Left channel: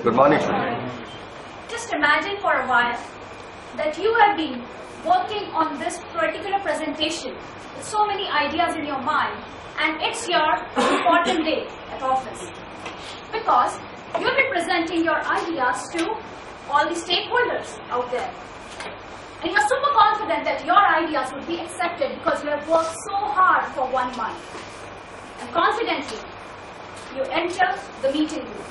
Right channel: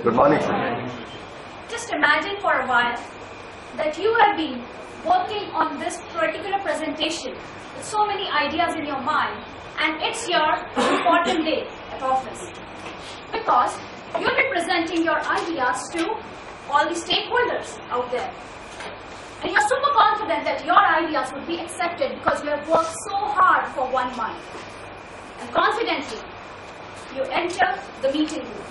Good morning, Shruti. Just imagine for a while that you have been working on this particular presentation with so many ideas in your mind, and it's your important day at office. Because you'll be presenting your ideas to all the stakeholders out there. And you're super confident that your ideas would be accepted because you have worked so hard for 1 month. And confidently, you enter the meeting room.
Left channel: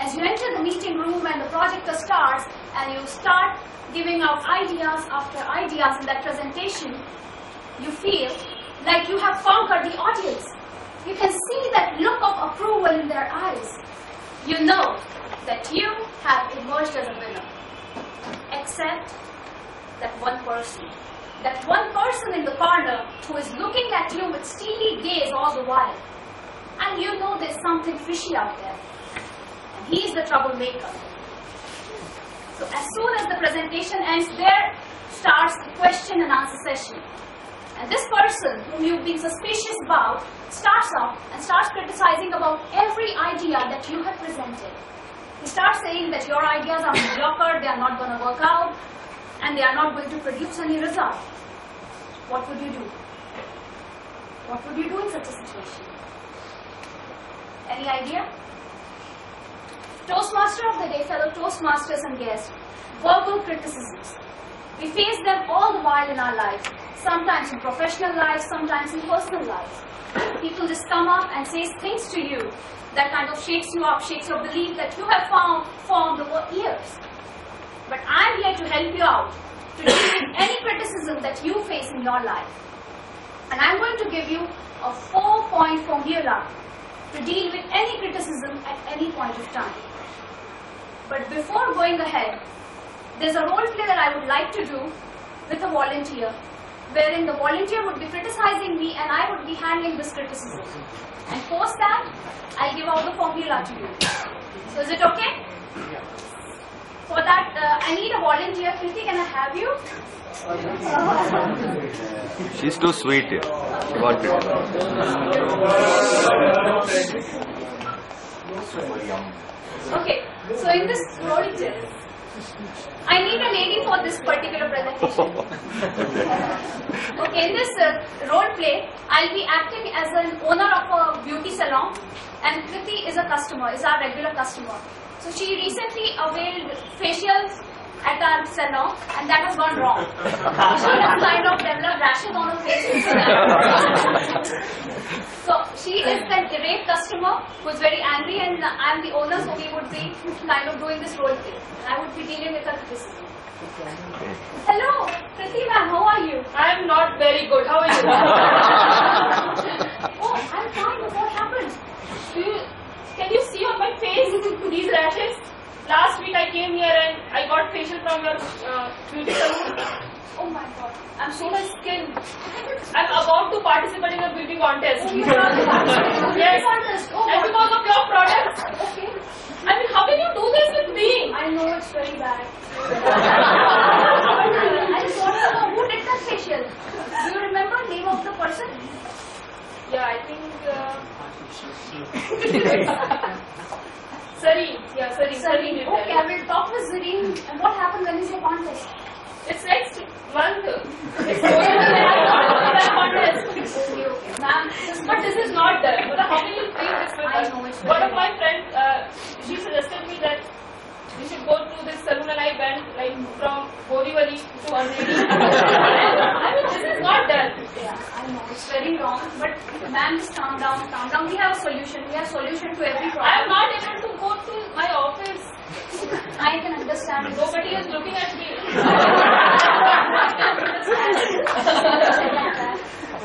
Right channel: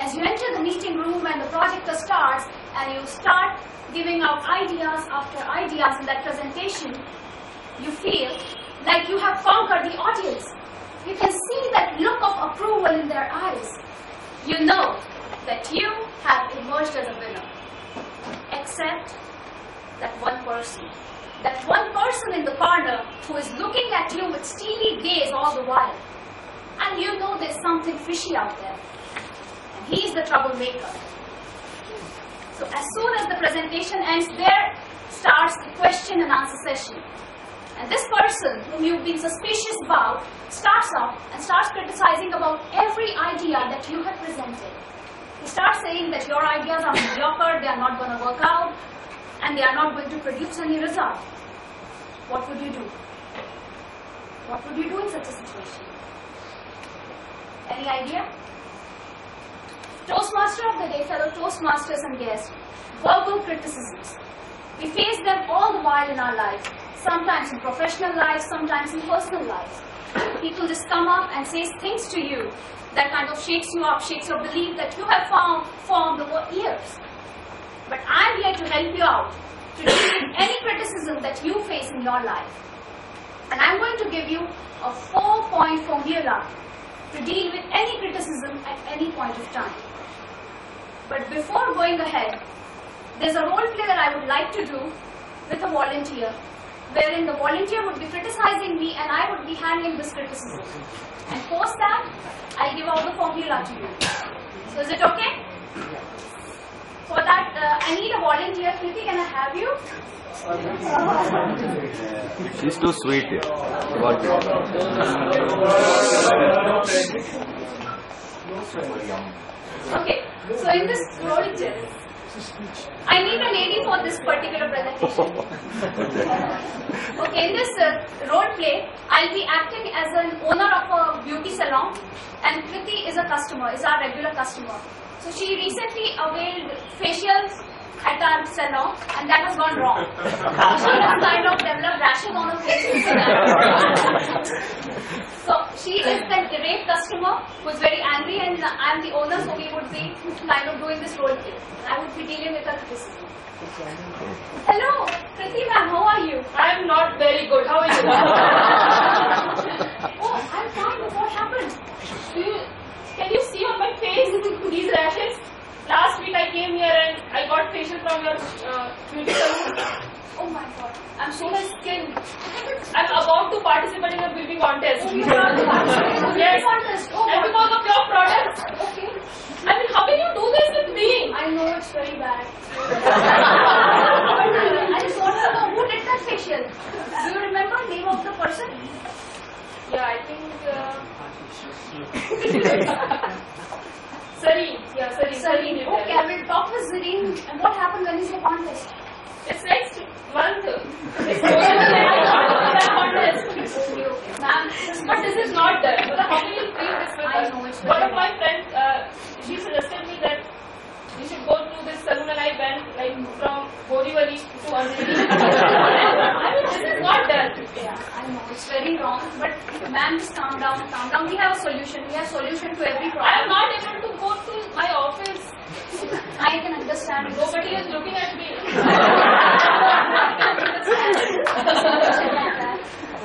As you enter the meeting room and the projector starts and you start giving out ideas after ideas in that presentation, you feel like you have conquered the audience. You can see that look of approval in their eyes. You know that you have emerged as a winner. Except that one person. That one person in the corner who is looking at you with steely gaze all the while. And you know there's something fishy out there. And he's the troublemaker. So as soon as the presentation ends, there starts the question and answer session. And this person whom you've been suspicious about starts up and starts criticizing about every idea that you have presented. He starts saying that your ideas are mediocre, they are not going to work out, and they are not going to produce any result. What would you do? What would you do in such a situation? Any idea? Toastmaster of the day, fellow Toastmasters and guests, verbal criticisms. We face them all the while in our lives, sometimes in professional lives, sometimes in personal lives. People just come up and say things to you that kind of shakes you up, shakes your belief that you have formed over years. But I'm here to help you out, to deal with any criticism that you face in your life. And I'm going to give you a 4-point formula to deal with any criticism at any point of time. But before going ahead, there's a role play that I would like to do with a volunteer, wherein the volunteer would be criticizing me and I would be handling this criticism. And post that, I'll give out the formula to you. So is it okay? For that, I need a volunteer. Kriti, can I have you? She's too sweet here. She wanted Okay, so in this role play, I need a lady for this particular presentation. Okay, in this role play, I'll be acting as an owner of a beauty salon, and Kriti is a customer, is our regular customer. So she recently availed facials at our salon, and that has gone wrong. She has kind of developed rashes on her face. So she is the irate customer who is very angry, and I'm the owner, so we would be kind of doing this role play. I would be dealing with her criticism. Hello, Kriti ma'am, how are you? I'm not very good. How are you? Oh, I'm fine. What happened? Can you see on my face these rashes? Last week I came here and I got facial from your beauty salon. Oh my God. I'm so my skin. I'm about to participate in a beauty contest. Oh my God. Yes. Contest. Oh, and because of your products. Okay. I mean, how can you do this with me? I know it's very bad. I just want to know who did that facial. Do you remember the name of the person? Yeah, I think. Sareen. Yeah, Sareen. Okay, I will talk with Zareen. And what happened when is your contest? It's next month. It's that contest. Okay, okay. Ma'am, But this is not done. How can you feel this with I us? know it's One very of my friends, she suggested me that we should go to this salon, and I went like from Borivali to Andheri. I mean, this is not done. Yeah, I know it's very wrong. But ma'am, just calm down, calm down. We have a solution. We have a solution to every problem. I am not able to go to my office. I can understand. Nobody is looking at me.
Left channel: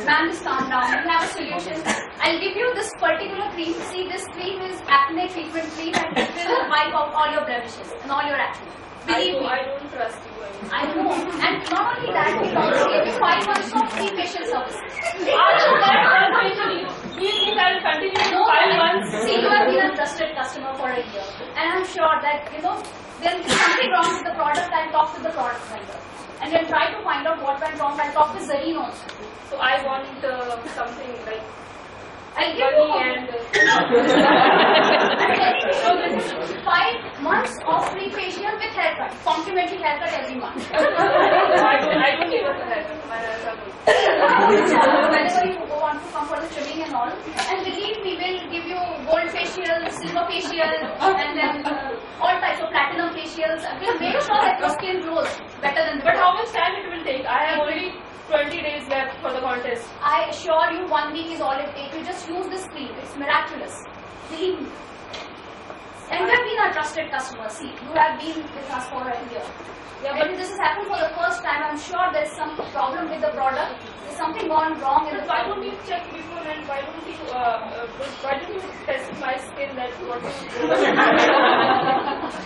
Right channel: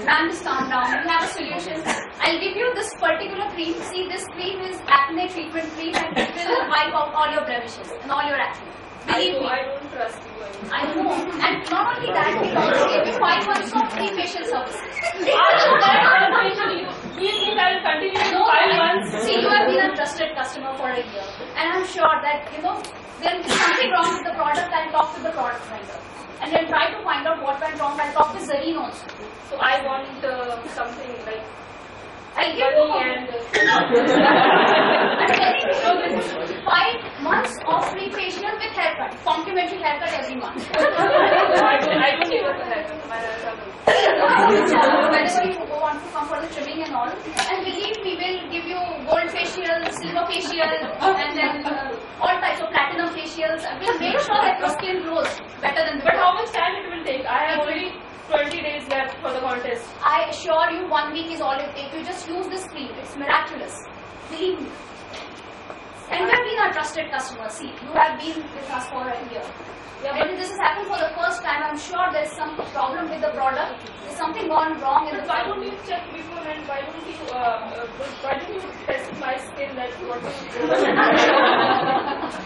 Ma'am, just calm down. We have a solution. I'll give you this particular cream. See, this cream is acne treatment cream, and it will wipe out all your blemishes and all your acne. Believe me. I don't trust you anymore. I know. And not only that, we also give you 5 months of free facial services. After that conversation, you think I will continue to 5 months? See, you have been a trusted customer for a year. And I'm sure that, there is something wrong with the product. I'll talk with the product vendor. And then try to find out what went wrong. I'll talk with Zareen also. So I want something like I'll give you and I'm telling you, 5 months of free facial with haircut, complimentary haircut every month. I don't need a haircut. Whenever you want to come for the trimming and all, and believe me, we'll give you gold facial, silver facial, and then all types of platinum facials. We'll make sure that your skin glows better than the But how much time it will take? I have only 20 days left for the contest. I assure you, 1 week is all it takes. You just use this cream. It's miraculous. Believe me. And you have been our trusted customer. See, you have been with us for a year. Yeah, When this has happened for the first time, I'm sure there's some problem with the product. There's something gone wrong in the Why product. don't you check beforehand? Why don't you test my skin that what you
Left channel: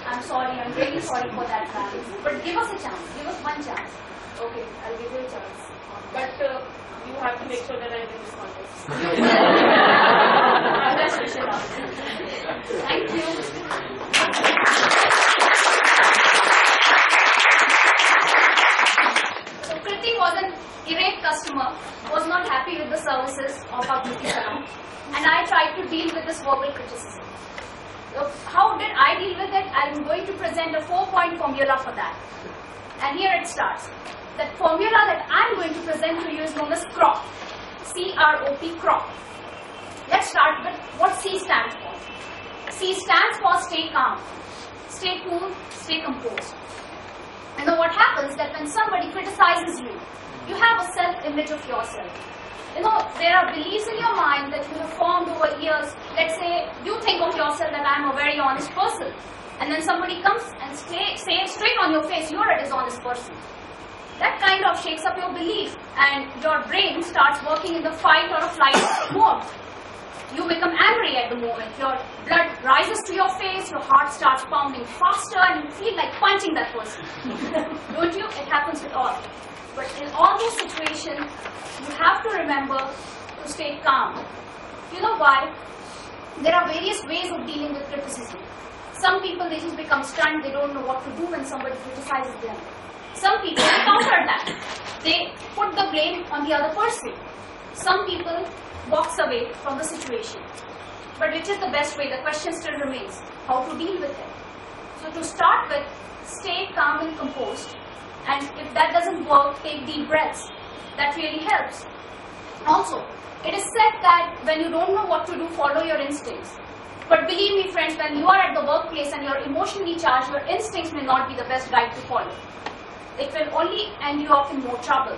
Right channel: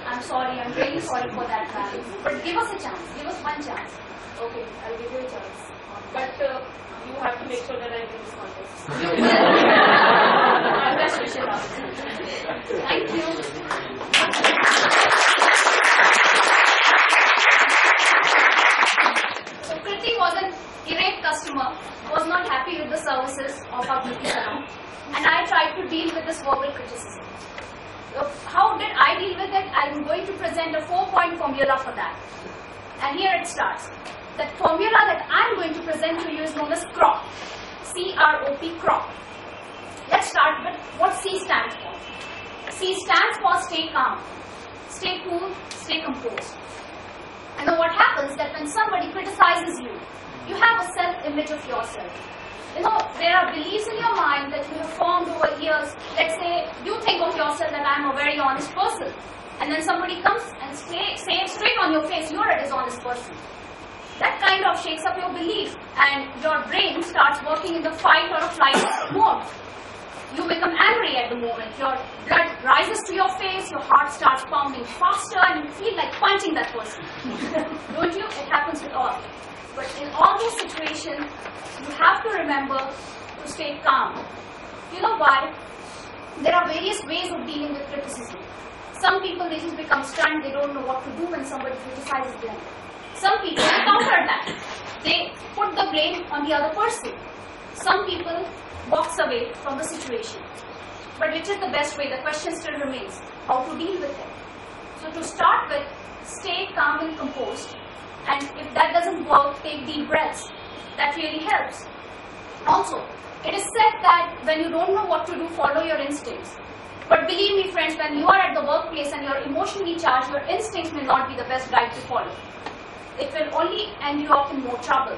I'm sorry. I'm really sorry for that, man. But give us a chance. Give us one chance. Okay, I'll give you a chance. But you have to make sure that I win this contest. I'm best wishes. Thank you. So Kriti was an irate customer, was not happy with the services of our beauty salon, and I tried to deal with this verbal criticism. So how did I deal with it? I'm going to present a 4-point formula for that. And here it starts. That formula that I'm going to present to you is known as CROP. C-R-O-P, CROP. Let's start with what C stands for. C stands for stay calm, stay cool, stay composed. And then what happens that when somebody criticizes you, you have a self-image of yourself. You know, there are beliefs in your mind that you have formed over years. Let's say you think of yourself that I'm a very honest person. And then somebody comes and says straight on your face, you're a dishonest person. That kind of shakes up your belief, and your brain starts working in the fight or flight mode. You become angry at the moment. Your blood rises to your face, your heart starts pounding faster, and you feel like punching that person. Don't you? It happens with all. But in all those situations, you have to remember to stay calm. You know why? There are various ways of dealing with criticism. Some people, they just become stunned. They don't know what to do when somebody criticizes them. Some people counter that. They put the blame on the other person. Some people walks away from the situation. But which is the best way? The question still remains. How to deal with it? So to start with, stay calm and composed. And if that doesn't work, take deep breaths. That really helps. Also, it is said that when you don't know what to do, follow your instincts. But believe me, friends, when you are at the workplace and you're emotionally charged, your instincts may not be the best guide to follow. It will only end you up in more trouble.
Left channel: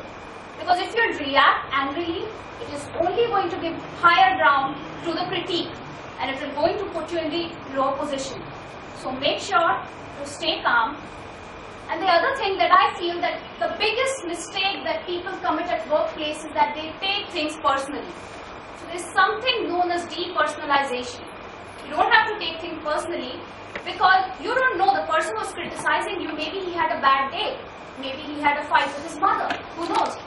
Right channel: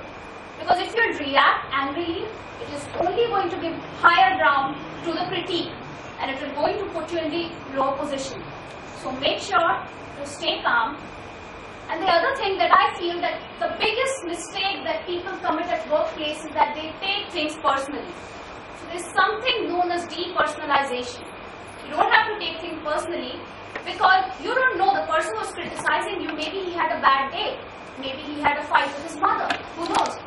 Because if you react angrily, it is only going to give higher ground to the critique, and it will going to put you in the lower position. So make sure to stay calm. And the other thing that I feel that the biggest mistake that people commit at workplace is that they take things personally. So there's something known as depersonalization. You don't have to take things personally because you don't know the person who's criticizing you. Maybe he had a bad day. Maybe he had a fight with his mother. Who knows?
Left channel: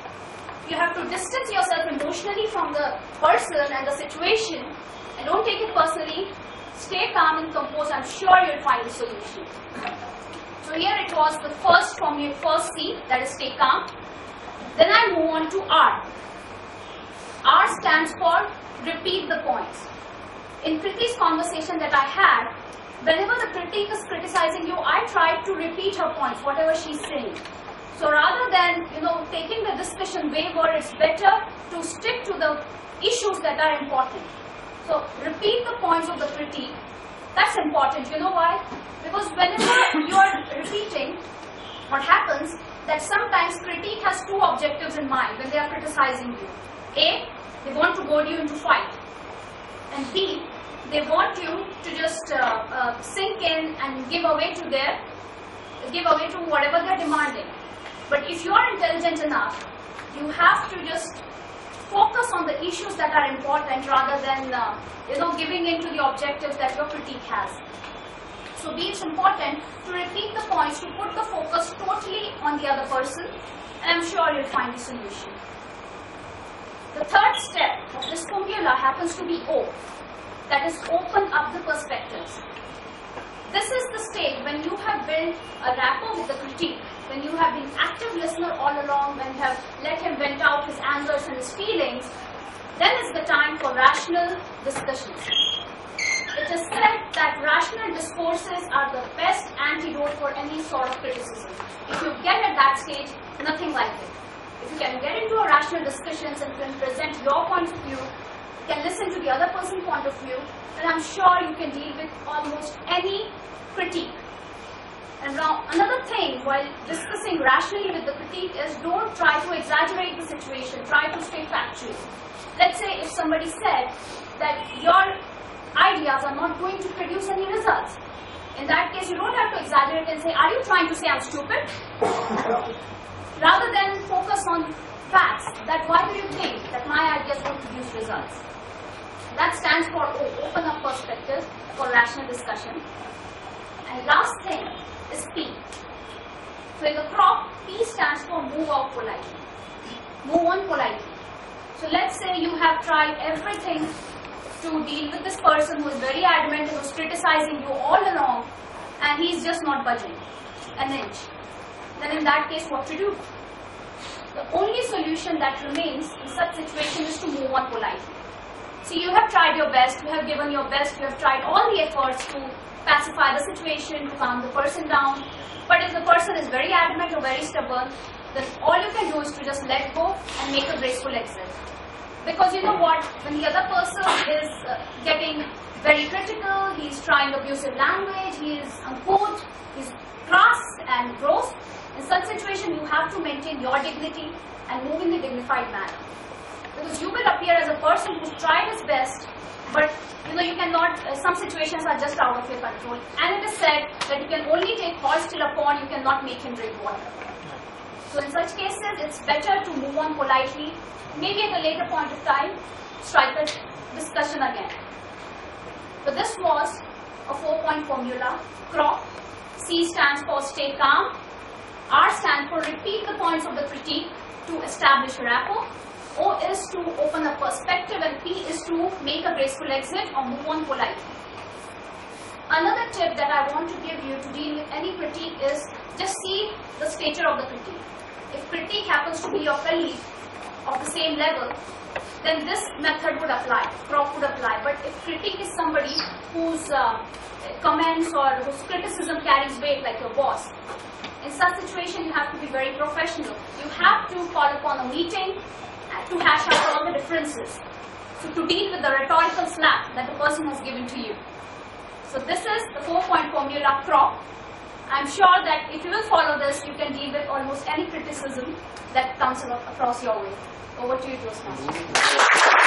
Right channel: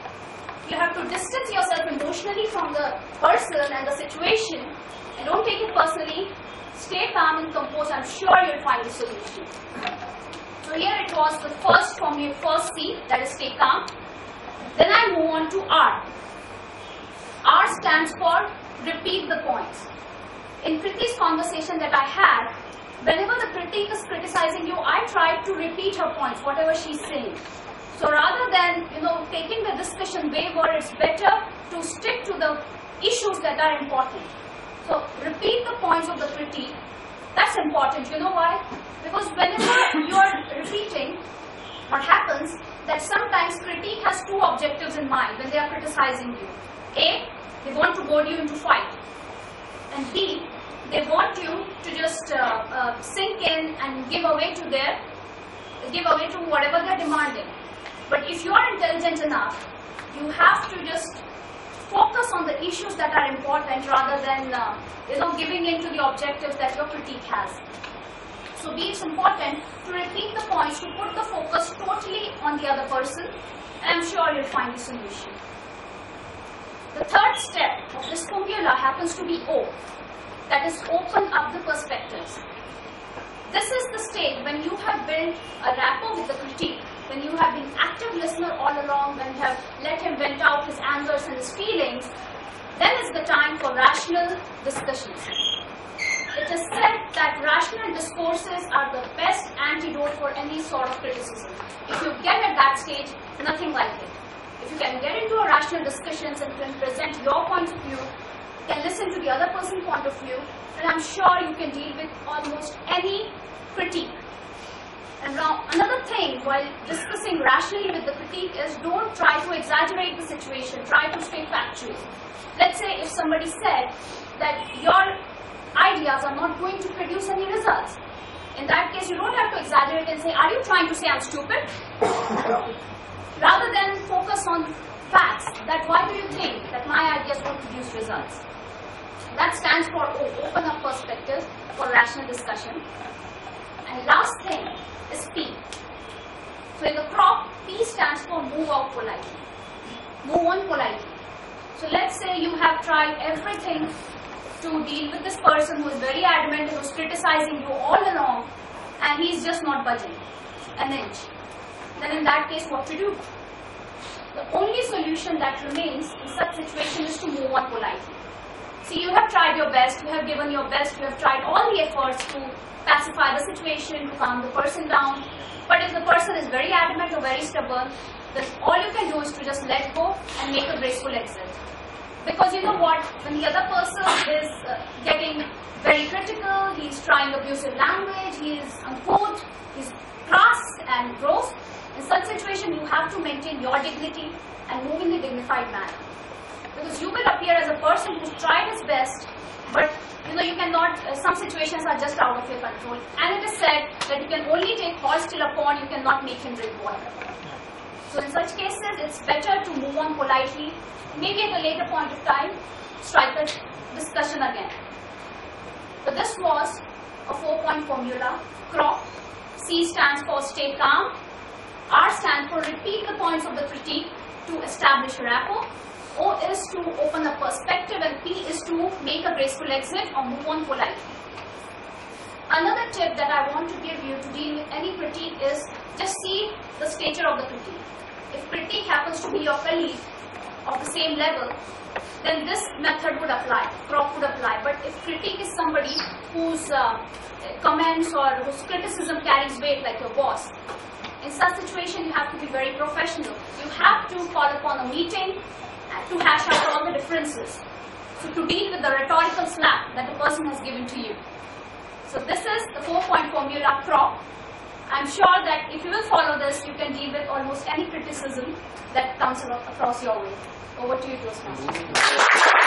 You have to distance yourself emotionally from the person and the situation, and don't take it personally. Stay calm and composed. I'm sure you'll find a solution. So here it was the first formula, first C, that is stay calm. Then I move on to R. R stands for repeat the points. In Kriti's conversation that I had, whenever the critic is criticizing you, I try to repeat her points, whatever she's saying. So rather than, taking the discussion wayward, it's better to stick to the issues that are important. So repeat the points of the critique. That's important. You know why? Because whenever you are repeating, what happens that sometimes critique has two objectives in mind when they are criticizing you. A, they want to goad you into fight. And B, they want you to just sink in and give away to whatever they're demanding. But if you are intelligent enough, you have to just focus on the issues that are important rather than giving in to the objectives that your critique has. So it's important to repeat the points, to put the focus totally on the other person, and I'm sure you'll find the solution. The third step of this formula happens to be O, that is open up the perspectives. This is the stage when you have built a rapport with the critique, when you have been active listener all along, when you have let him vent out his angers and his feelings. Then is the time for rational discussions. It is said that rational discourses are the best antidote for any sort of criticism. If you get at that stage, nothing like it. If you can get into a rational discussions and can present your point of view, can listen to the other person's point of view, then I'm sure you can deal with almost any critique. And now another thing while discussing rationally with the critique is don't try to exaggerate the situation, try to stay factual. Let's say if somebody said that your ideas are not going to produce any results. In that case, you don't have to exaggerate and say, are you trying to say I'm stupid? Rather than focus on facts, that why do you think that my ideas won't produce results? That stands for open up perspective for rational discussion. And last thing is P. So in the crop, P stands for move out politely. Move on politely. So let's say you have tried everything to deal with this person who is very adamant, who is criticizing you all along, and he's just not budging an inch. Then in that case, what to do? The only solution that remains in such situation is to move on politely. See, you have tried your best, you have given your best, you have tried all the efforts to pacify the situation, to calm the person down. But if the person is very adamant or very stubborn, then all you can do is to just let go and make a graceful exit. Because you know what, when the other person is getting very critical, he's trying abusive language, he is uncouth, he's crass and gross, in such situation you have to maintain your dignity and move in a dignified manner. Because you will appear as a person who's tried his best, but you cannot, some situations are just out of your control. And it is said that you can only take horse till a pond, you cannot make him drink water. So in such cases, it's better to move on politely. Maybe at a later point of time, strike a discussion again. But this was a 4-point formula. CROP. C stands for stay calm. R stands for repeat the points of the critique to establish rapport. O is to open a perspective, and P is to make a graceful exit or move on politely. Another tip that I want to give you to deal with any critique is just see the stature of the critique. If critique happens to be your colleague of the same level, then this method would apply, crop would apply. But if critique is somebody whose comments or whose criticism carries weight like your boss, in such situation you have to be very professional. You have to call upon a meeting to hash out all the differences. So to deal with the rhetorical slap that the person has given to you. So this is the 4-point formula crop. I'm sure that if you will follow this, you can deal with almost any criticism that comes across your way. Over to you, Toastmasters.